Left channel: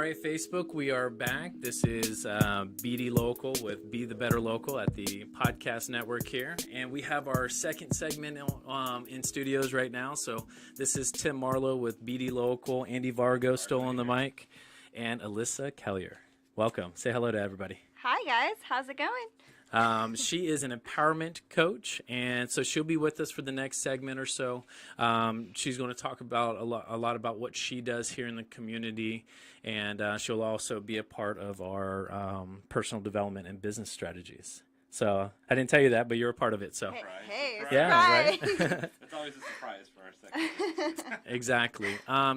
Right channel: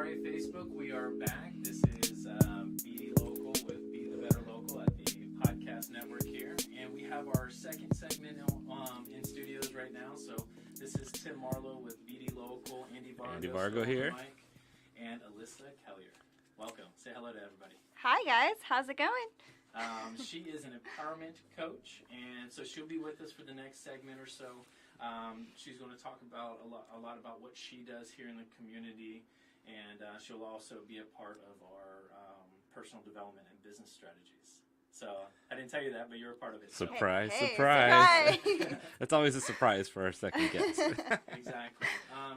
All right, Facebook, we are back. This is BD Local with Be the Better Local at the podcast network here. And we have our second segment in studios right now. So this is Tim Marlowe with BD Local, Andy Vargo still on the mic, and Alyssa Caillier. Welcome. Say hello to everybody. Hi, guys. How's it going? She is an empowerment coach, and so she'll be with us for the next segment or so. She's going to talk about a lot about what she does here in the community, and she'll also be a part of our personal development and business strategies. So I didn't tell you that, but you're a part of it. So Surprise. It's always a surprise for our second guest. Exactly.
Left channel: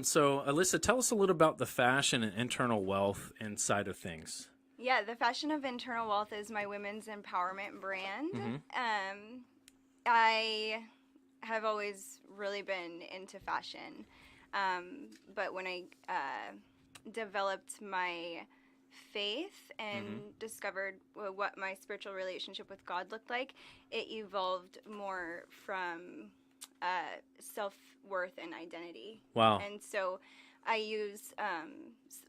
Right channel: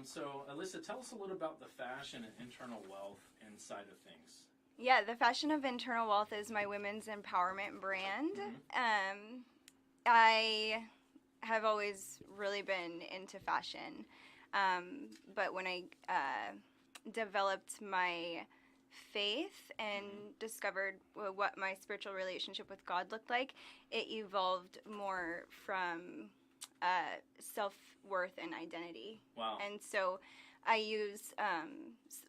So Alyssa, tell us a little about the fashion and internal wealth inside of things. Yeah, the Fashion of Internal Wealth is my women's empowerment brand. Mm-hmm. I have always really been into fashion, but when I developed my faith and discovered what my spiritual relationship with God looked like, it evolved more from self-worth and identity. Wow. And so I use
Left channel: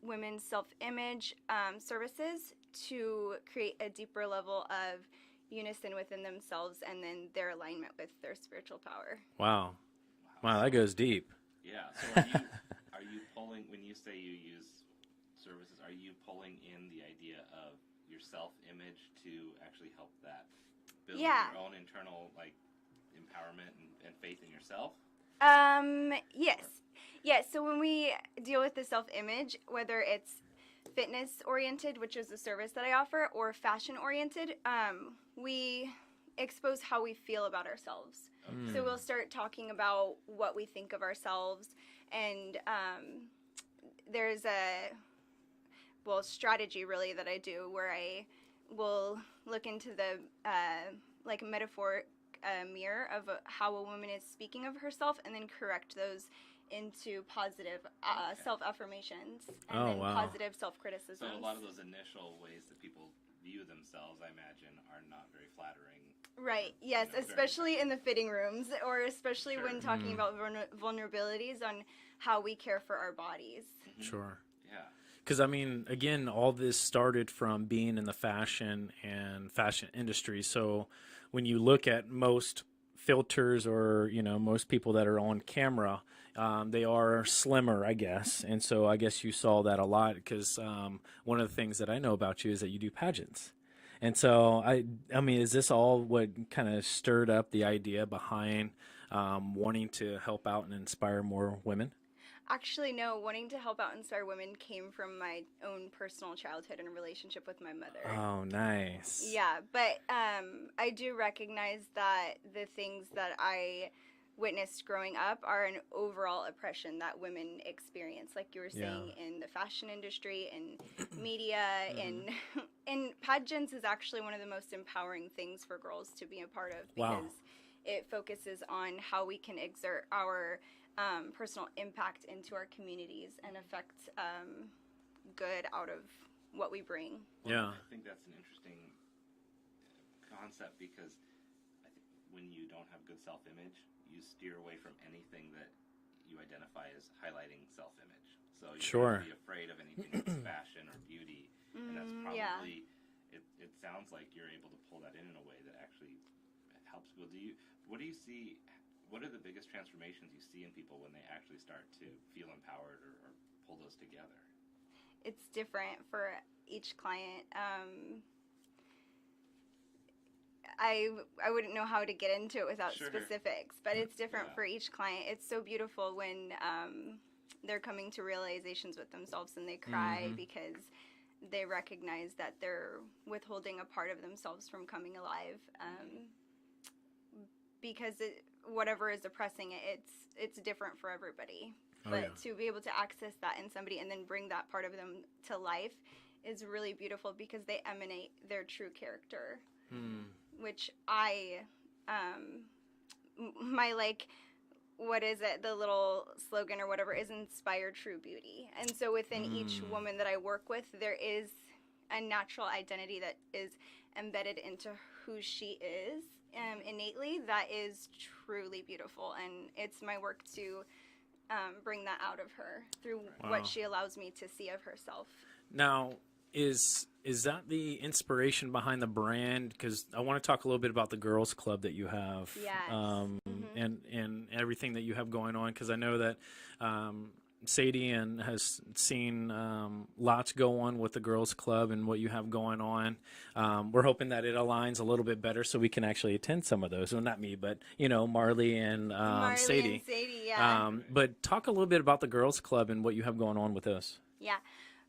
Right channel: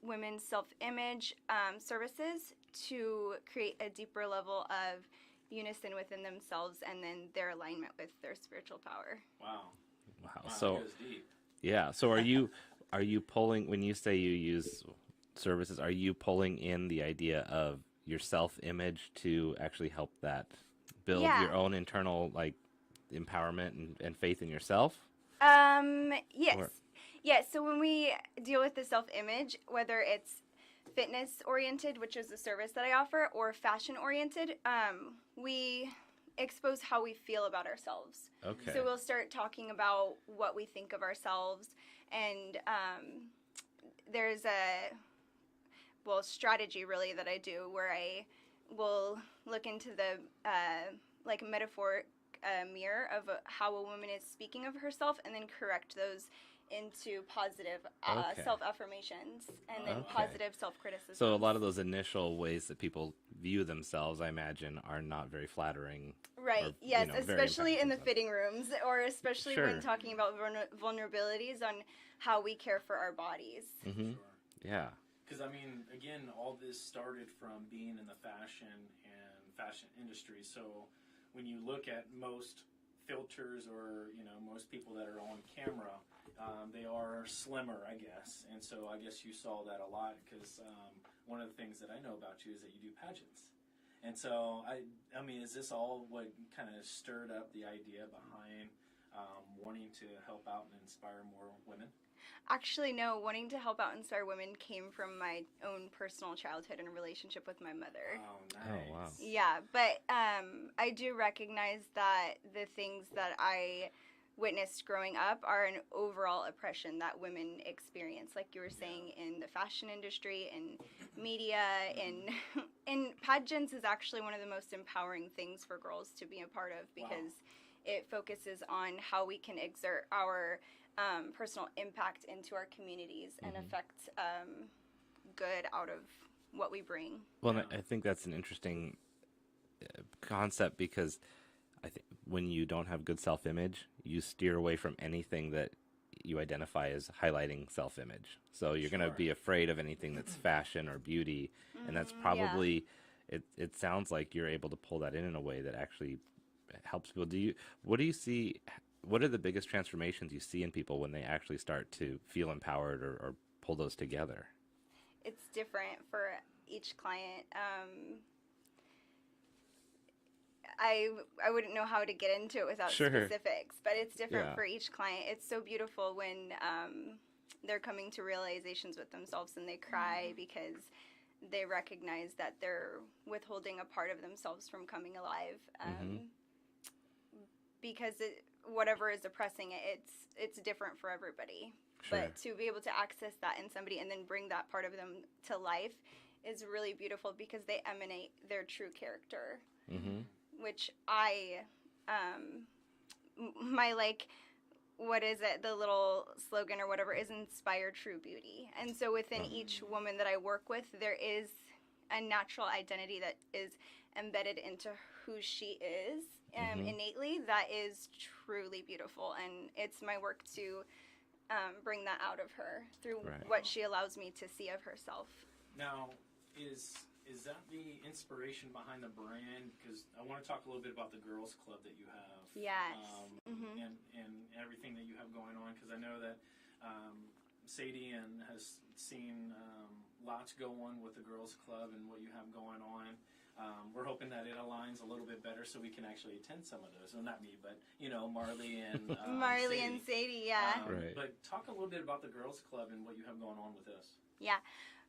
women's self-image services to create a deeper level of unison within themselves and then their alignment with their spiritual power. Wow, So, that goes deep. Yeah. So are you pulling, when you say you use services, are you pulling in the idea of your self-image to actually help that build your own internal empowerment and faith in yourself? Yes. Yes, so when we deal with the self-image, whether it's fitness-oriented, which is the service that I offer, or fashion-oriented, we expose how we feel about ourselves. Okay. So we'll start talking about what we think of ourselves, and there's a strategy really that I do where I will look into the metaphoric mirror of how a woman is speaking of herself, and then correct those into positive self-affirmations and then positive self-criticism. So a lot of those initial ways that people view themselves, I imagine, are not very flattering. Right, yes, especially in the fitting rooms, or especially when talking about vulnerabilities on how we care for our bodies. Mm-hmm. Sure. Yeah. Because, I mean, again, all this started from being in the fashion and fashion industry. So when you look at most filters or, most people that are on camera, they are slimmer, I guess. And so I guess you saw that a lot because one of the things that I know about you is that you do pageants. And so, I mean, is this all what kind of stirred up the idea behind wanting to help out and inspire more women? Actually, no. Wanting to help out and inspire women came from my own personal childhood and relationship with my mother. Oh, nice. Wow. Yeah, but I do recognize that the things that I witnessed growing up are an overall oppression that women experience, like you were saying, in the fashion industry and media and pageants is actually one of the most empowering things for girls to be a part of because it focuses on how we can exert our personal impact into our communities and affect good out of what we bring. Well, I think that's an interesting concept because I think when you don't have good self-image, you steer away from anything that you identify as highlighting self-image. So you're going to be afraid of anything that's fashion or beauty, and that's probably it sounds like you're able to pull that in a way that actually helps people. What do you see? What are the biggest transformations you see in people when they actually start to feel empowered or pull those together? It's different for each client. I wouldn't know how to get into it without specifics, but it's different for each client. It's so beautiful when they're coming to realizations with themselves and they cry because they recognize that they're withholding a part of themselves from coming alive. Because whatever is oppressing it, it's different for everybody. But to be able to access that in somebody and then bring that part of them to life is really beautiful because they emanate their true character. Which what is it, the little slogan or whatever is inspire true beauty. And so within each woman that I work with, there is a natural identity that is embedded into who she is innately that is truly beautiful. And it's my work to bring that out of her through Right. what Wow. she allows me to see of herself. Now, is that the inspiration behind the brand? Because I want to talk a little bit about the girls' club that you have, Yes. Mm-hmm. and everything that you have going on. Because I know that Sadie has seen lots go on with the girls' club and what you have going on. We're hoping that it aligns a little bit better so we can actually attend some of those. Well, not me, but Marley and Marley Sadie. and Sadie, yeah. Right. But talk a little bit about the girls' club and what you have going on with those. Yeah.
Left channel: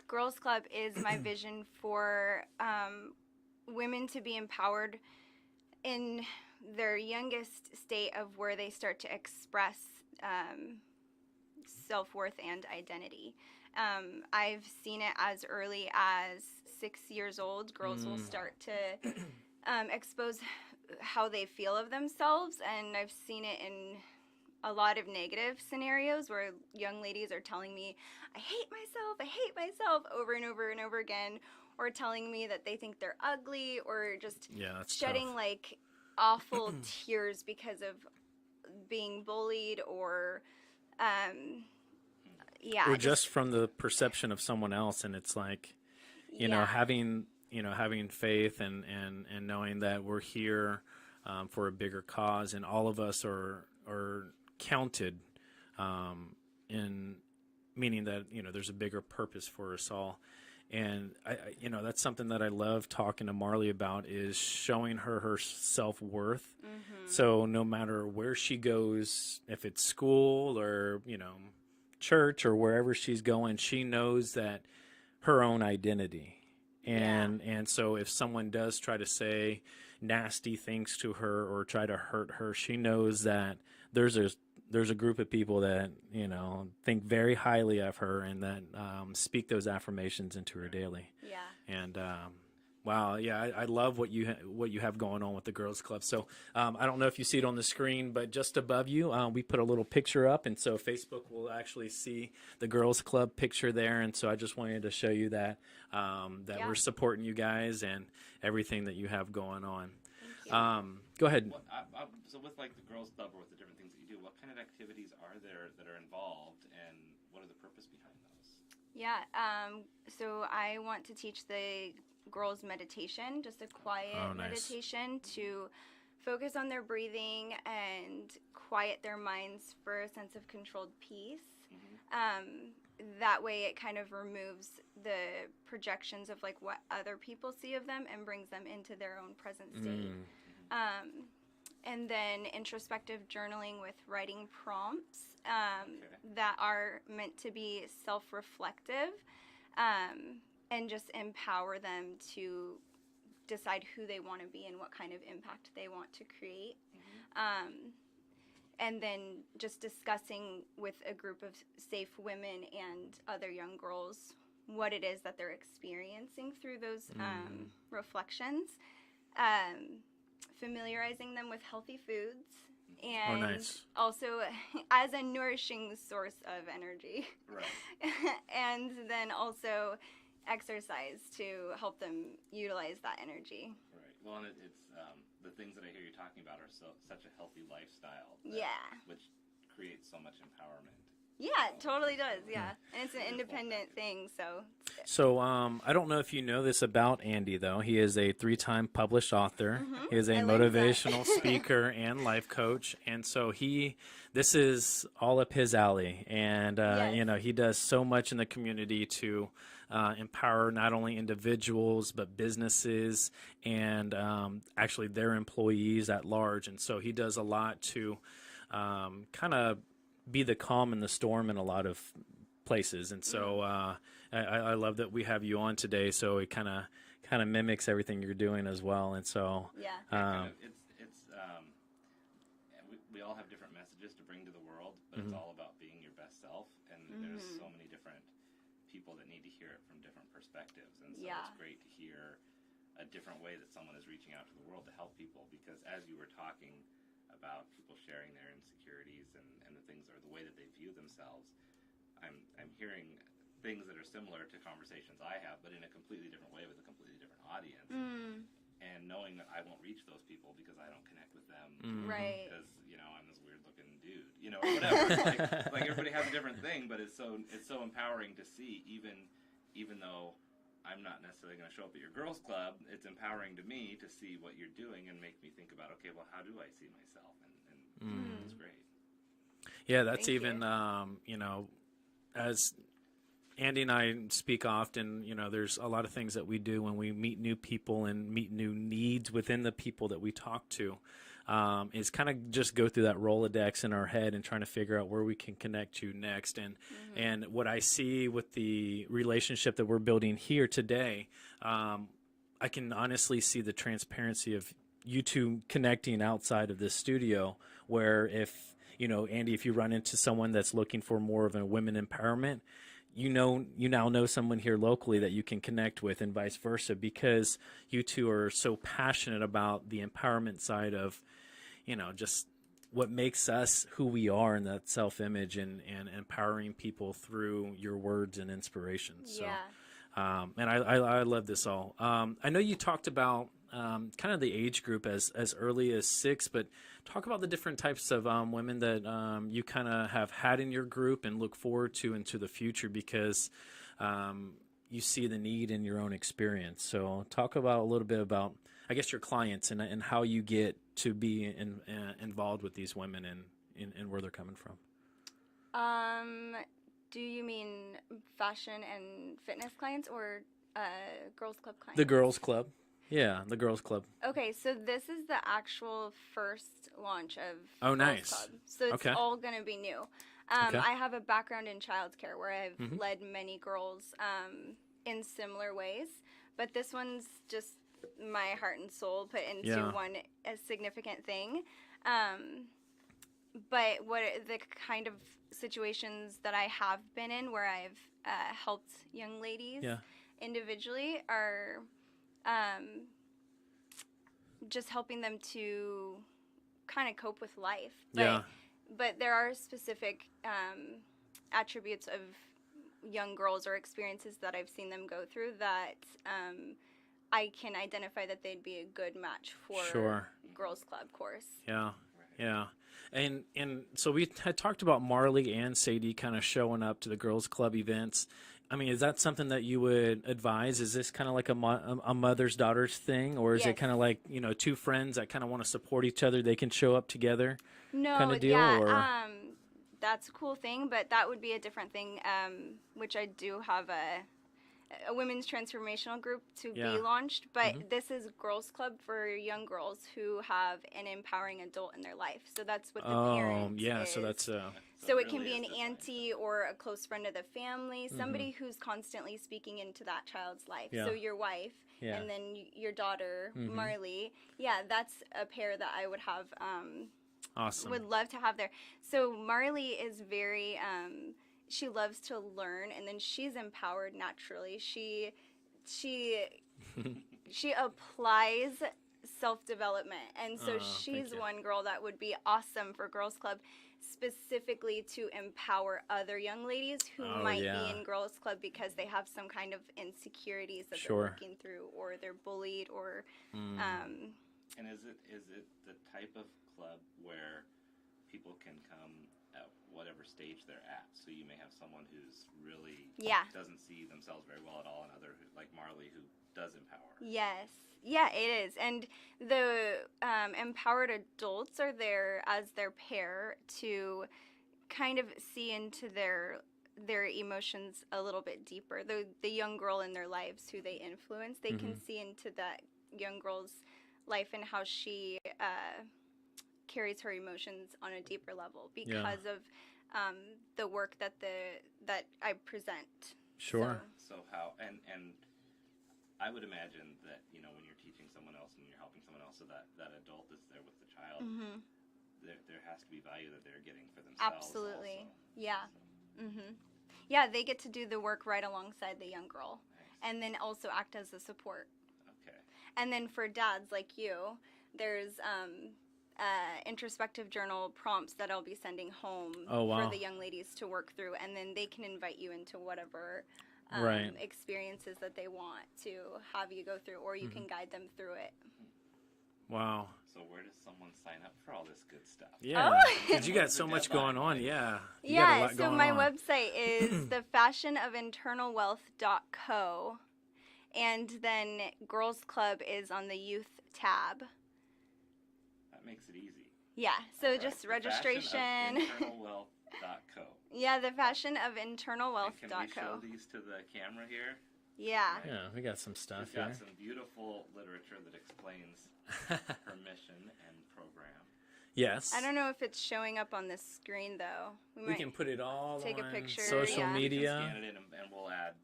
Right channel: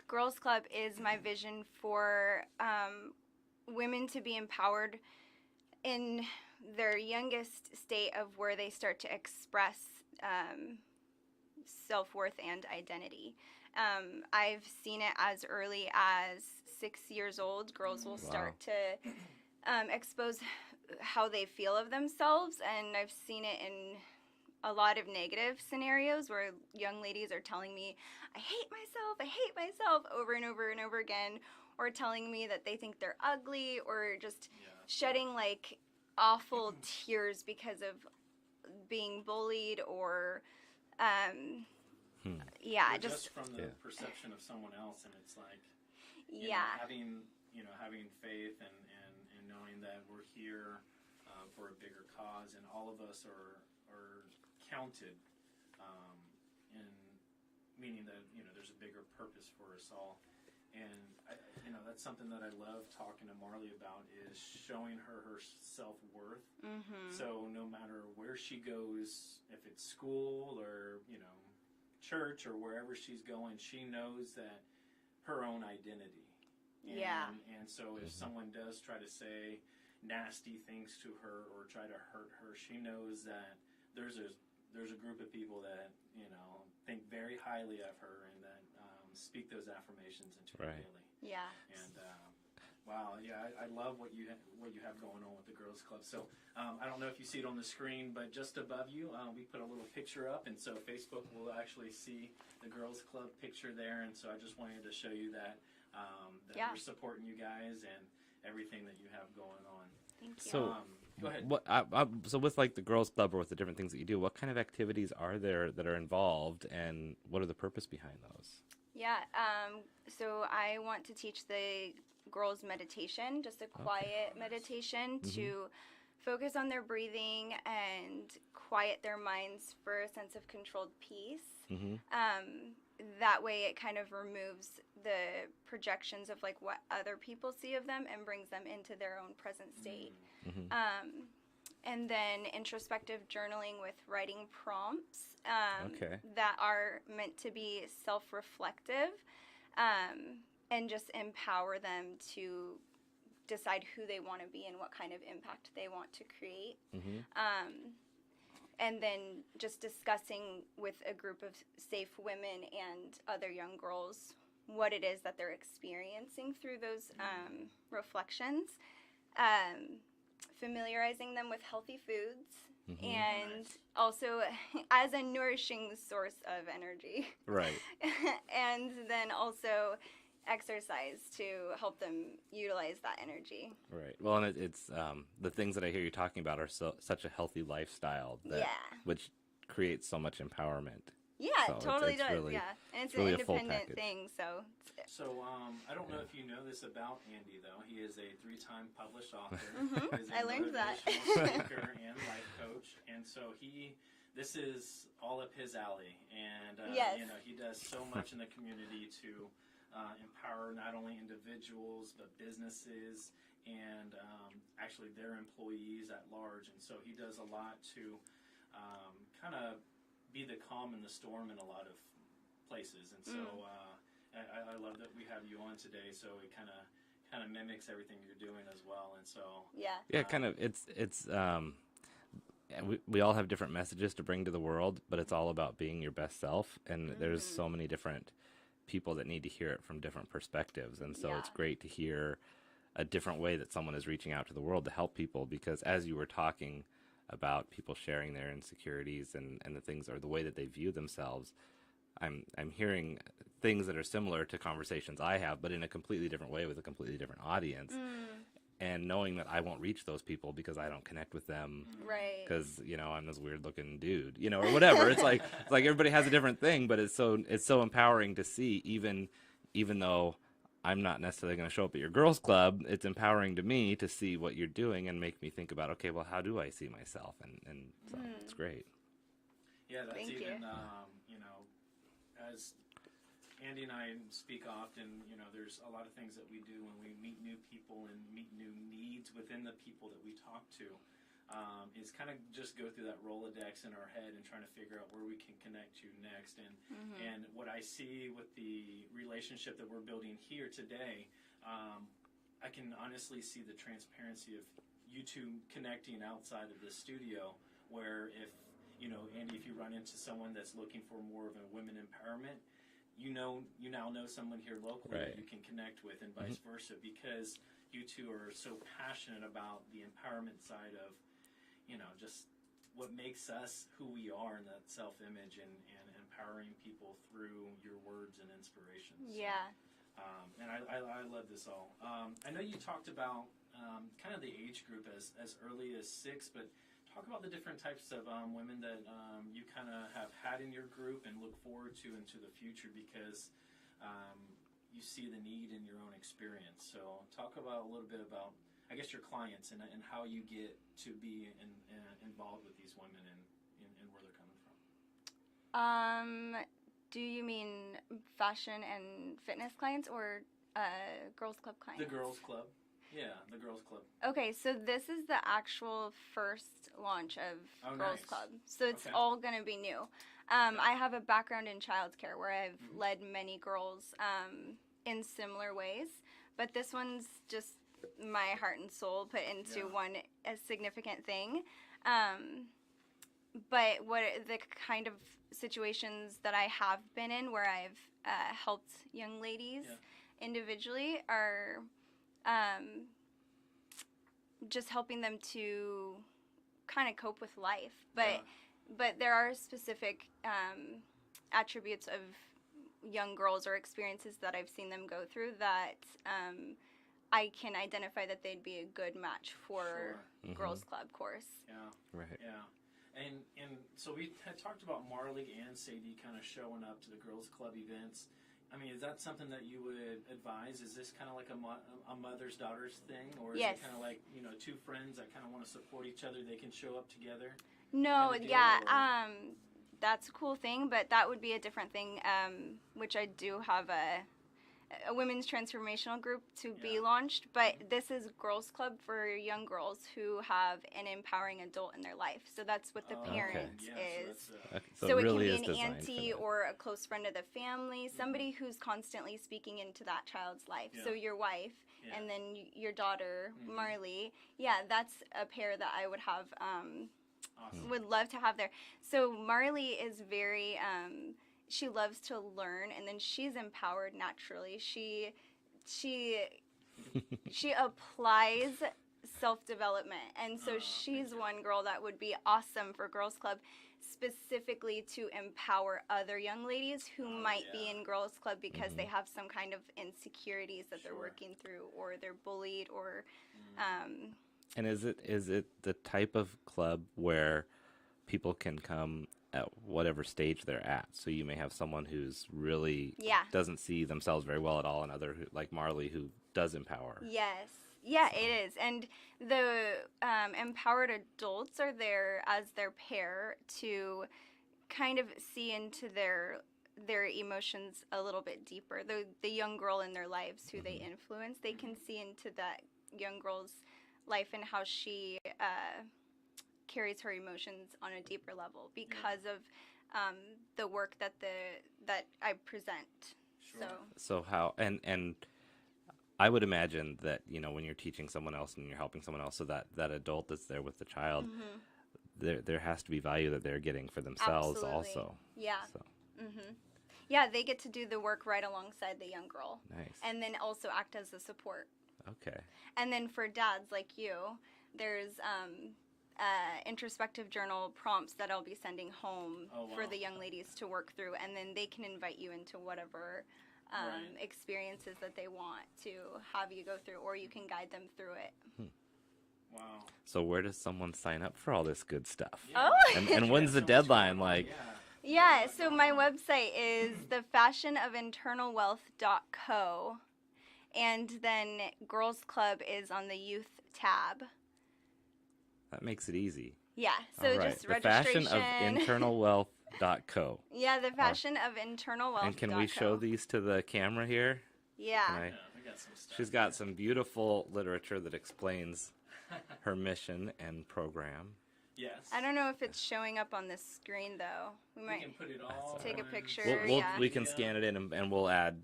Girls Club is my vision for women to be empowered in their youngest state of where they start to express self-worth and identity. I've seen it as early as 6 years old. Girls will start to expose how they feel of themselves, and I've seen it in a lot of negative scenarios where young ladies are telling me, I hate myself over and over and over again, or telling me that they think they're ugly, or just That's shedding tough. like awful tears because of being bullied or yeah, Or just from the perception of someone else, and it's like yeah. having faith and knowing that we're here for a bigger cause, and all of us are counted, in meaning that there's a bigger purpose for us all. And I that's something that I love talking to Marley about, is showing her self-worth. Mm-hmm. So no matter where she goes, if it's school or church or wherever she's going, she knows that her own identity. And so if someone does try to say nasty things to her or try to hurt her, she knows that there's a group of people that think very highly of her and that speak those affirmations into her daily. Yeah. And wow, yeah, I love what you have going on with the girls' club. So I don't know if you see it on the screen, but just above you, we put a little picture up, and so Facebook will actually see the girls' club picture there. And so I just wanted to show you that we're supporting you guys and everything that you have going on. Thank you. Go ahead. So with like the girls' club or with the different things that you do, what kind of activities are there that are involved, and what are the purpose behind those? Yeah, so I want to teach the girls meditation, just a quiet nice. meditation to focus on their breathing and quiet their minds for a sense of controlled peace. That way it kind of removes the projections of like what other people see of them and brings them into their own present state. And then introspective journaling with writing prompts that are meant to be self-reflective and just empower them to decide who they want to be and what kind of impact they want to create. And then just discussing with a group of safe women and other young girls what it is that they're experiencing through those reflections. Familiarizing them with healthy foods and also as a nourishing source of energy. Right. And then also exercise to help them utilize that energy. Right. Well, and it's the things that I hear you talking about are such a healthy lifestyle. Which creates so much empowerment. Yeah, So it totally it's does. really- Yeah, and it's really an a full independent package. thing. So I don't know if you know this about Andy, though. He is a 3-time published author. He is a I learned that. motivational speaker and life coach, and so this is all up his alley. And Yes. he does so much in the community to empower not only individuals but businesses and actually their employees at large. And so he does a lot to kind of be the calm in the storm in a lot of places. And so I love that we have you on today. So it kind of mimics everything you're doing as well. And so Yeah. Yeah, kind of. It's we all have different messages to bring to the world, but it's all about being your best self. And there's so many different people that need to hear it from different perspectives. And so it's great to hear a different way that someone is reaching out to the world to help people. Because as you were talking about people sharing their insecurities and the things or the way that they view themselves, I'm hearing things that are similar to conversations I have, but in a completely different way with a completely different audience. and knowing that I won't reach those people because I don't connect with them, Right. because I'm this weird looking dude, or whatever. It's like everybody has a different thing, but it's so empowering to see, even though I'm not necessarily going to show up at your girls' club. It's empowering to me to see what you're doing and make me think about, okay, well, how do I see myself? And so it's great. Yeah, that's Thank even, as Andy and I speak often, there's a lot of things that we do when we meet new people and meet new needs within the people that we talk to. Is kind of just go through that Rolodex in our head and trying to figure out where we can connect to next. And what I see with the relationship that we're building here today, I can honestly see the transparency of you two connecting outside of this studio, where if, Andy, if you run into someone that's looking for more of a women empowerment, you now know someone here locally that you can connect with, and vice versa, because you two are so passionate about the empowerment side of, just what makes us who we are, and that self-image and empowering people through your words and inspirations. Yeah. And I love this all. I know you talked about kind of the age group as early as 6, but talk about the different types of women that you kind of have had in your group and look forward to into the future, because you see the need in your own experience. So talk about a little bit about, I guess, your clients and how you get to be involved with these women and where they're coming from. Do you mean fashion and fitness clients, or girls club clients? The girls club. Yeah, the girls club. Okay, so this is the actual first launch of Girls nice. Club. So it's Okay. all going to be new. Okay. I have a background in childcare where I've led many girls in similar ways, but this one's just my heart and soul put into a significant thing. But what the kind of situations that I have been in where I've helped young ladies individually are just helping them to kind of cope with life. But there are specific attributes of young girls or experiences that I've seen them go through that I can identify that they'd be a good match for Girls Club course. Yeah. Right. Yeah. And so we had talked about Marley and Sadie kind of showing up to the Girls Club events. I mean, is that something that you would advise? Is this kind of like a mother's daughters thing, or is it kind of like, two friends that kind of want to support each other? They can show up together. No, kind of deal, yeah, that's a cool thing, but that would be a different thing. Which I do have a women's transformational group to be launched, but this is Girls Club for young girls who have an empowering adult in their life. So that's what the parent is. So that's so it really can be is an designed auntie for that. or a close friend of the family, somebody who's constantly speaking into that child's life. Yeah. So your wife and then your daughter, Marley. Yeah, that's a pair that I would have. awesome. Would love to have there. So Marley is very. She loves to learn, and then she's empowered naturally. She applies self-development, and so she's one girl that would be awesome for Girls Club, specifically to empower other young ladies who might be in Girls Club because they have some kind of insecurities that they're working through, or they're bullied, or And is it the type of club where people can come at whatever stage they're at? So you may have someone who's really doesn't see themselves very well at all, and other like Marley, who does empower. Yes. Yeah, it is. And the empowered adults are there as their pair to kind of see into their emotions a little bit deeper. The young girl in their lives who they influence, they can see into that young girl's life and how she carries her emotions on a deeper level because of the work that I present. Sure. So how and I would imagine that when you're teaching someone else and you're helping someone else, so that adult that's there with the child, there has to be value that they're getting for themselves. Absolutely. Also. Yeah. So. Yeah, they get to do the work right alongside the young girl. Nice. And then also act as a support. Okay. And then for dads like you, there's introspective journal prompts that I'll be sending home for the young ladies to work through, and then they can invite you into whatever Right. experiences that they want to have you go through, or you can guide them through it. Wow. So where does someone sign up for all this good stuff? Yeah. Oh. And You got when's the so much going deadline? on, Like, yeah. You got a Yeah, lot so going my on. website is thefashionofinternalwealth.co, and then Girls Club is on the youth tab. that makes it easy. Yeah, so All right. just The registration. fashionofinternalwealth.co. Yeah, the fashionofinternalwealth.co. And can we show these to the camera here? Yeah. Right. Yeah, we got some stuff. She's got here. some beautiful literature that explains her mission and program. Yes. I don't know if it's showing up on the screen though. We We might can put it all take a on picture, social yeah. We can media. scan it in and we'll add.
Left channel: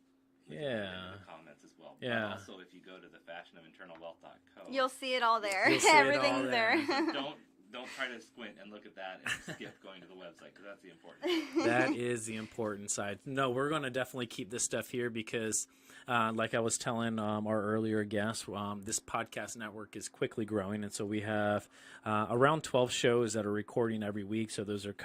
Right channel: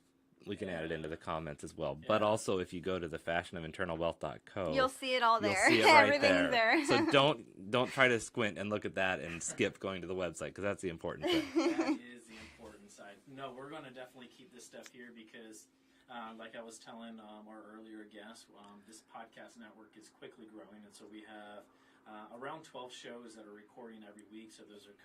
We can add it into Yeah. the comments as well. But Yeah. also, if you go to the fashionofinternalwealth.co, You'll see it all you'll there. see it right Everything's there. So don't try to squint and look at that and skip going to the website, because that's the important thing. That is the important side. No, we're going to definitely keep this stuff here because, like I was telling our earlier guest, this podcast network is quickly growing. And so we have around 12 shows that are recording every week. So those are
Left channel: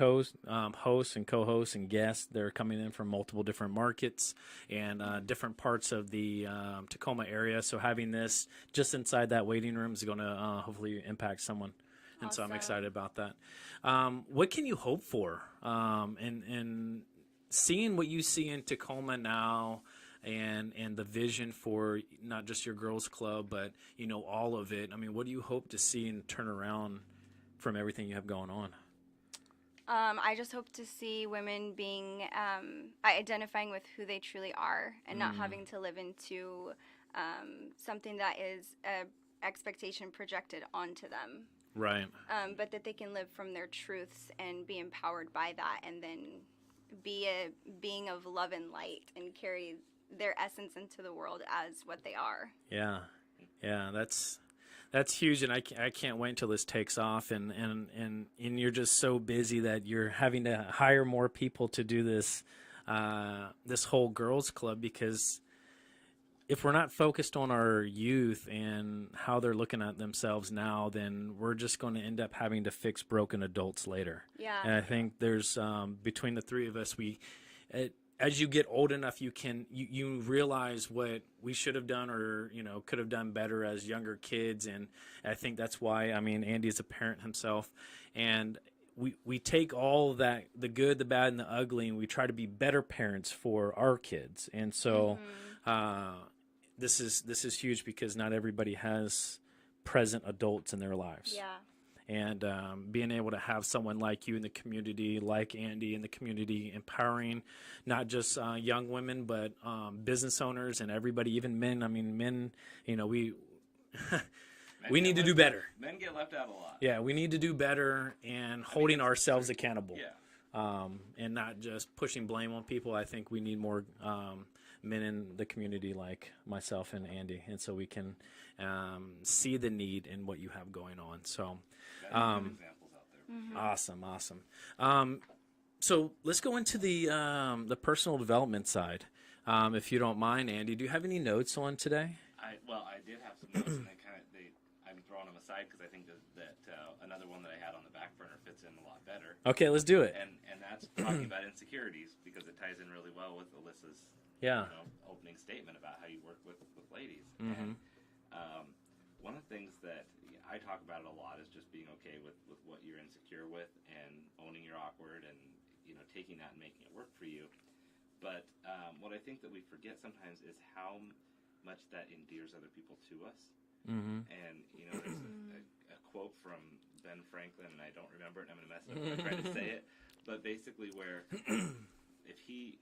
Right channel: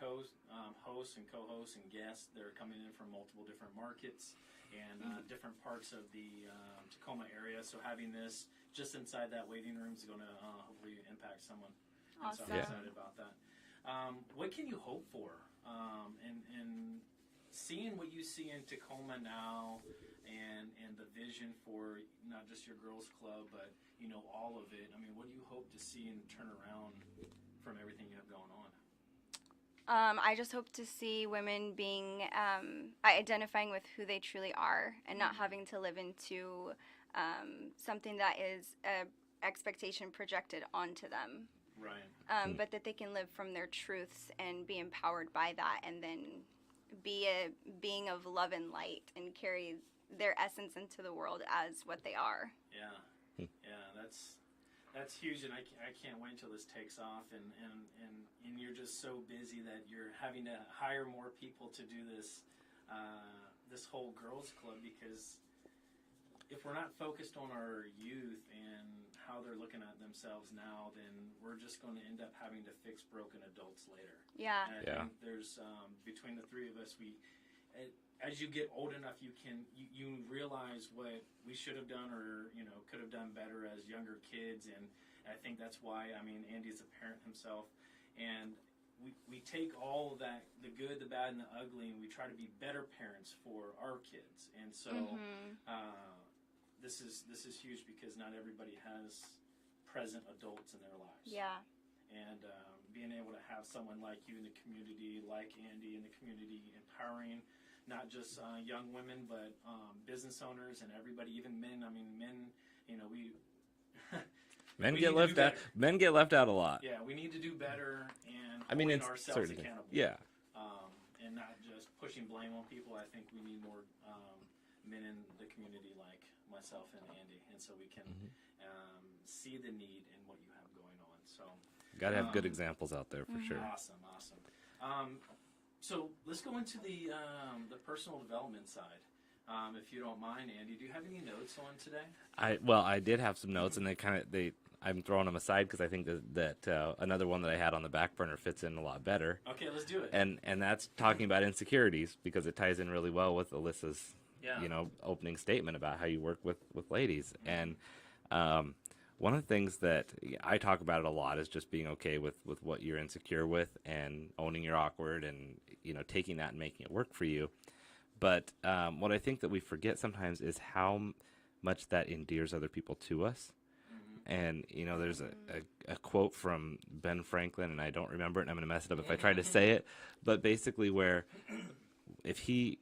hosts and co-hosts and guests. They're coming in from multiple different markets and different parts of the Tacoma area. So having this just inside that waiting room is going to hopefully impact someone. And so I'm Awesome. excited about that. What can you hope for in seeing what you see in Tacoma now and the vision for not just your girls club, but, you know, all of it? I mean, what do you hope to see and turn around from everything you have going on? I just hope to see women being identifying with who they truly are and not having to live into something that is a expectation projected onto them. Right. But that they can live from their truths and be empowered by that, and then be a being of love and light and carry their essence into the world as what they are. Yeah. Yeah, that's huge, and I can't wait until this takes off, and you're just so busy that you're having to hire more people to do this this whole girls club, because if we're not focused on our youth and how they're looking at themselves now, then we're just going to end up having to fix broken adults later. Yeah. And I think there's between the three of us, as you get old enough, you realize what we should have done or, you know, could have done better as younger kids. And I think that's why, I mean, Andy is a parent himself, and we take all that, the good, the bad, and the ugly, and we try to be better parents for our kids. And so this is huge, because not everybody has present adults in their lives. Yeah. And being able to have someone like you in the community, like Andy in the community, empowering not just young women, but business owners and everybody, even men. I mean, men, you know, we need to do better. Men get left out a lot. Yeah, we need to do better and holding ourselves accountable. Yeah. And not just pushing blame on people. I think we need more men in the community like myself and Andy, and so we can see the need in what you have going on. So Got to have good examples out there for sure. Awesome. So let's go into the personal development side, if you don't mind, Andy. Do you have any notes on today? I did have some notes, and I'm throwing them aside because I think that another one that I had on the back burner fits in a lot better. Okay, let's do it. And that's talking about insecurities, because it ties in really well with Alyssa's opening statement about how you work with ladies. And one of the things that I talk about it a lot is just being okay with what you're insecure with and owning you're awkward and, you know, taking that and making it work for you. But what I think that we forget sometimes is how much that endears other people to us. And, you know, there's a quote from Ben Franklin, and I don't remember it, and I'm going to mess it up if I try to say it, but basically where if he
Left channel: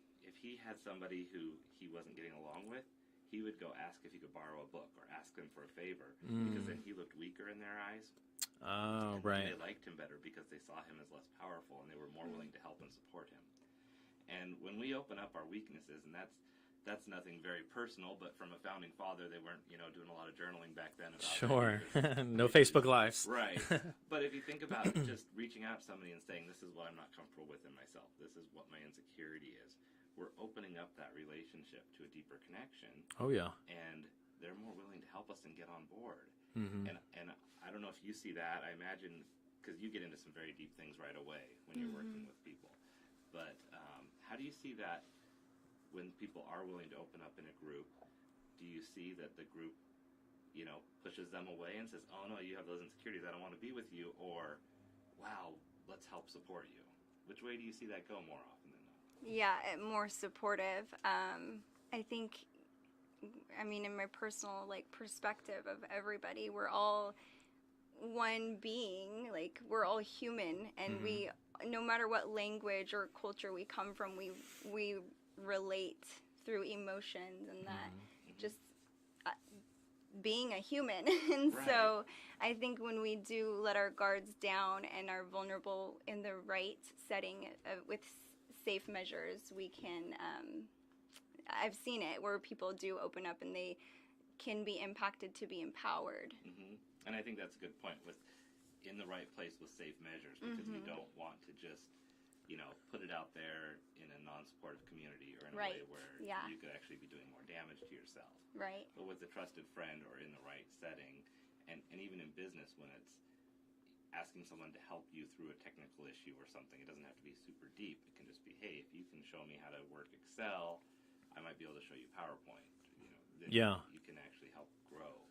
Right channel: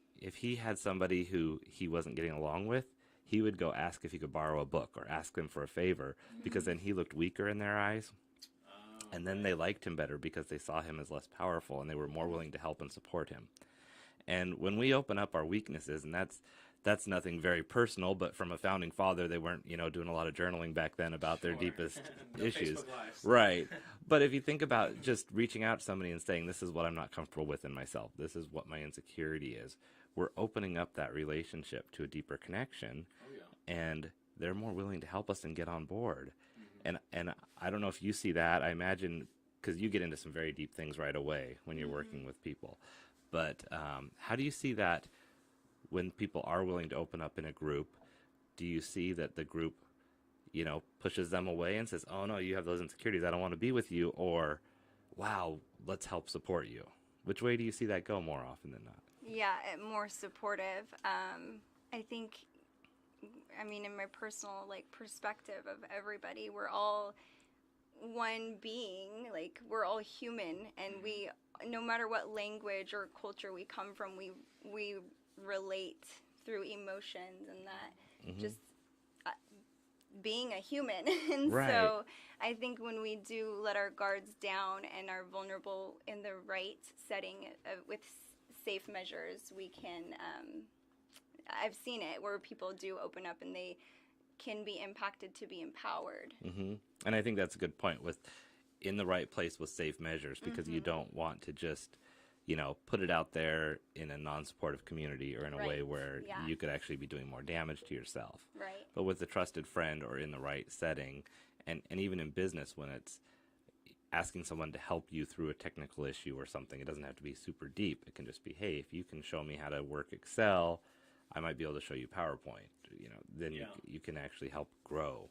had somebody who he wasn't getting along with, he would go ask if he could borrow a book or ask them for a favor, because then he looked weaker in their eyes. And then they liked him better because they saw him as less powerful, and they were more willing to help and support him. And when we open up our weaknesses, and that's nothing very personal, but from a founding father, they weren't, you know, doing a lot of journaling back then about their deepest No issues. Facebook Lives. Right. But if you think about just reaching out to somebody and saying, this is what I'm not comfortable with in myself, this is what my insecurity is, we're opening up that relationship to a deeper connection. Oh, yeah. And they're more willing to help us and get on board. And I don't know if you see that. I imagine, because you get into some very deep things right away when you're working with people. But how do you see that when people are willing to open up in a group, do you see that the group, pushes them away and says, oh no, you have those insecurities, I don't want to be with you, or wow, let's help support you? Which way do you see that go more often than not? Yeah, more supportive. I think, in my personal perspective of everybody, we're all one being. Like, we're all human, and we, no matter what language or culture we come from, we relate through emotions and that just being a human. And Right. so I think when we do let our guards down and are vulnerable in the right setting with safe measures, we can, I've seen it where people do open up and they can be impacted to be empowered. And I think that's a good point, with in the right place with safe measures, because you don't want to just, put it out there in a non-supportive community or in a way where you could actually be doing more damage to yourself. Right. But with a trusted friend or in the right setting, and even in business, when it's asking someone to help you through a technical issue or something, it doesn't have to be super deep. It can just be, hey, if you can show me how to work Excel, I might be able to show you PowerPoint. Then you can actually help grow.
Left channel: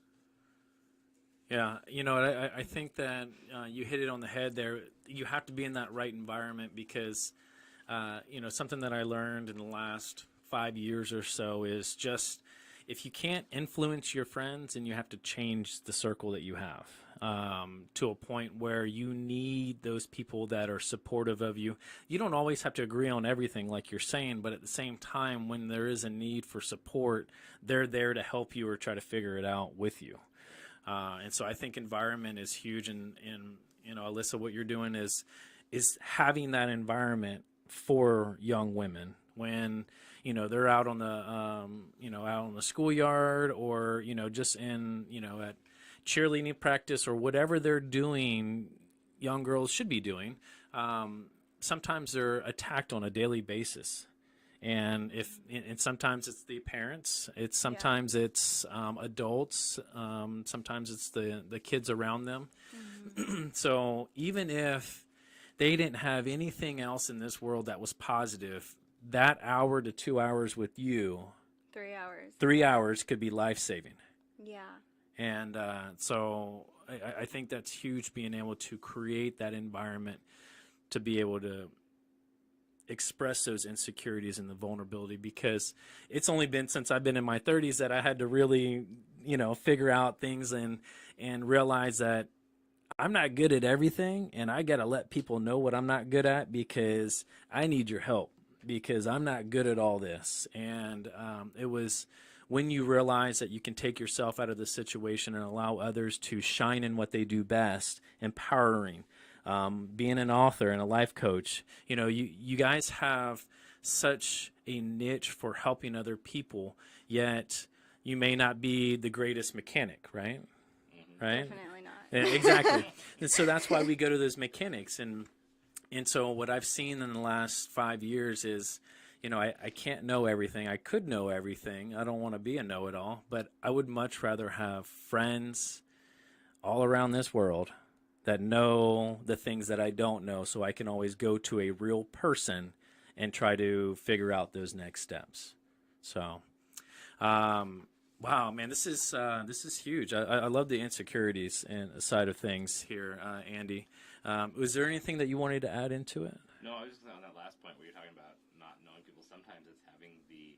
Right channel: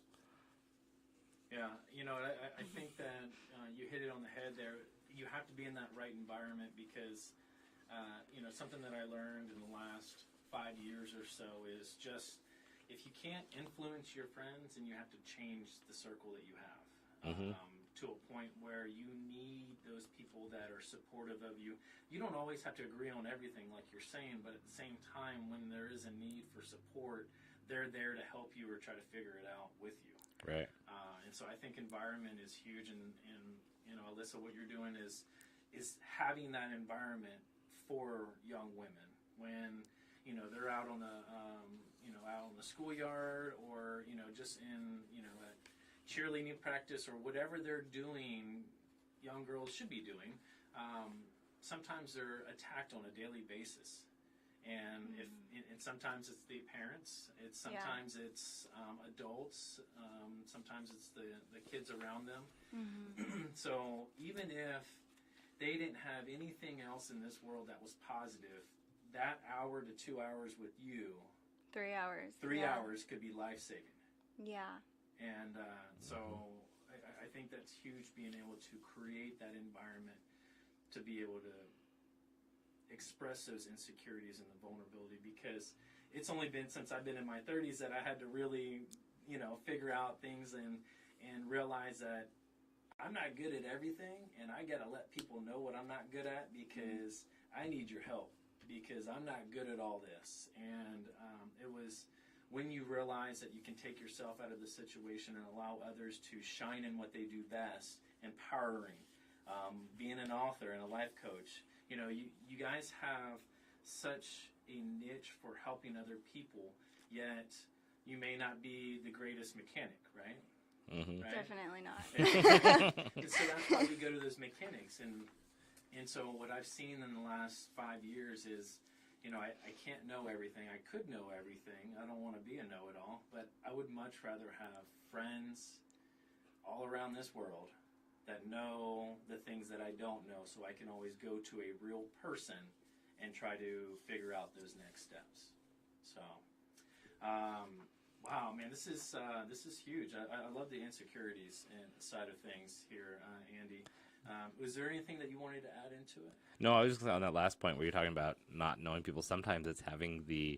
Yeah, I think that you hit it on the head there. You have to be in that right environment because, something that I learned in the last 5 years or so is just, if you can't influence your friends, and you have to change the circle that you have to a point where you need those people that are supportive of you. You don't always have to agree on everything like you're saying, but at the same time, when there is a need for support, they're there to help you or try to figure it out with you. Right. And so I think environment is huge. And Alyssa, what you're doing is having that environment for young women when, they're out on the, out on the schoolyard, or, just in, at cheerleading practice or whatever they're doing, young girls should be doing. Sometimes they're attacked on a daily basis. And and sometimes it's the parents, sometimes it's adults, sometimes it's the kids around them. So even if they didn't have anything else in this world that was positive, that hour to 2 hours with you, 3 hours. 3 hours could be life-saving. Yeah. And so I think that's huge, being able to create that environment to be able to express those insecurities and the vulnerability, because it's only been since I've been in my 30s that I had to really, figure out things and realize that I'm not good at everything, and I got to let people know what I'm not good at, because I need your help, because I'm not good at all this. And it was when you realize that you can take yourself out of the situation and allow others to shine in what they do best, empowering. Being an author and a life coach, you guys have such a niche for helping other people, yet you may not be the greatest mechanic, right? Right? Definitely not. Exactly. And so that's why we go to those mechanics. And so what I've seen in the last 5 years is, I can't know everything. I could know everything. I don't want to be a know-it-all, but I would much rather have friends all around this world that know the things that I don't know, so I can always go to a real person and try to figure out those next steps. So, wow, man, this is huge. I love the insecurities and side of things here, Andy. Was there anything that you wanted to add into it? No, I was just on that last point where you're talking about not knowing people. Sometimes it's having the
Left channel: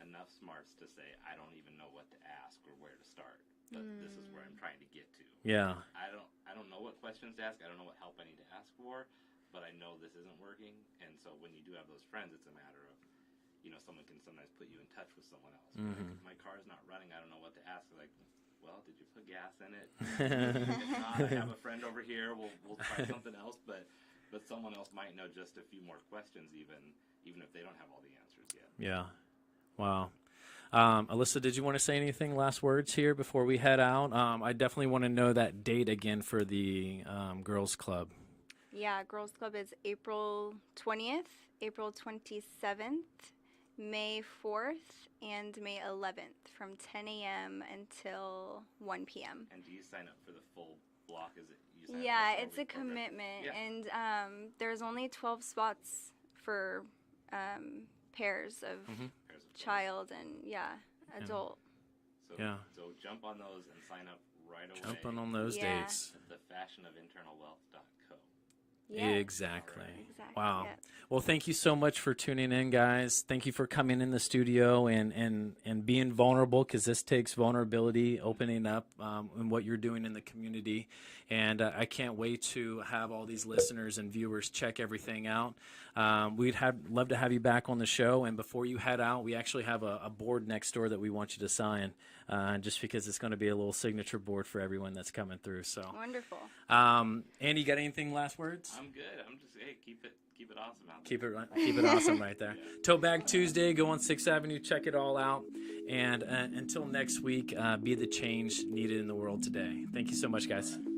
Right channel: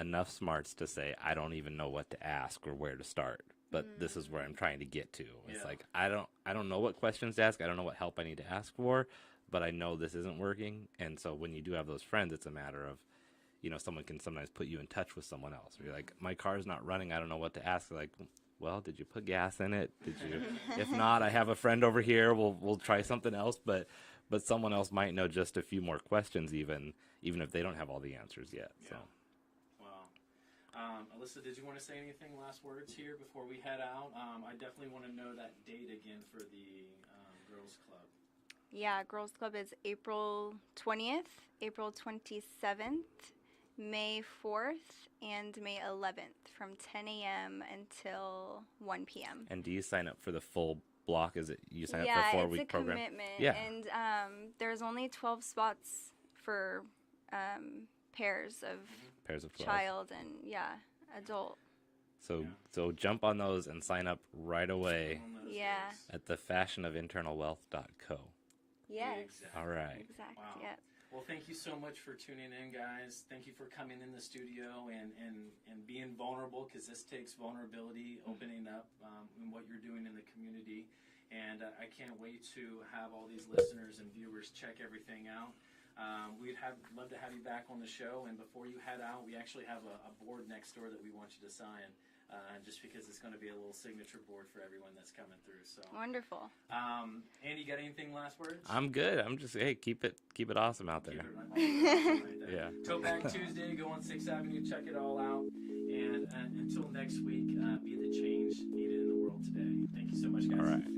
enough smarts to say, I don't even know what to ask or where to start. But this is where I'm trying to get to. Yeah. It's like, I don't know what questions to ask. I don't know what help I need to ask for, but I know this isn't working. And so when you do have those friends, it's a matter of, someone can sometimes put you in touch with someone else. Be like, my car's not running. I don't know what to ask. They're like, well, did you put gas in it? If not, I have a friend over here. We'll try something else. But someone else might know just a few more questions, even if they don't have all the answers yet. Yeah. Wow. Alyssa, did you want to say anything, last words here before we head out? I definitely want to know that date again for the Girls Club. Yeah, Girls Club is April 20th, April 27th, May 4th, and May 11th from 10 a.m. until 1 p.m. And do you sign up for the full block? Is it you sign up Yeah, for a 4-week it's a program? commitment. Yeah. And there's only 12 spots for pairs of Pairs of 12. child and adult. So jump on those and sign up right away Jump on those Yeah. dates. at thefashionofinternalwealth.co. Yes. Exactly. All right. Exactly. Wow. Yep. Well, thank you so much for tuning in, guys. Thank you for coming in the studio and being vulnerable, because this takes vulnerability, opening up and what you're doing in the community. And I can't wait to have all these listeners and viewers check everything out. We'd love to have you back on the show. And before you head out, we actually have a board next door that we want you to sign, just because it's going to be a little signature board for everyone that's coming through. So Wonderful. Andy, you got anything last words? I'm good. I'm just keep it awesome out there. Keep it awesome right there. Yeah. Tote Bag Tuesday, go on 6th Avenue, check it all out. And until next week, be the change needed in the world today. Thank you so much, guys. All right.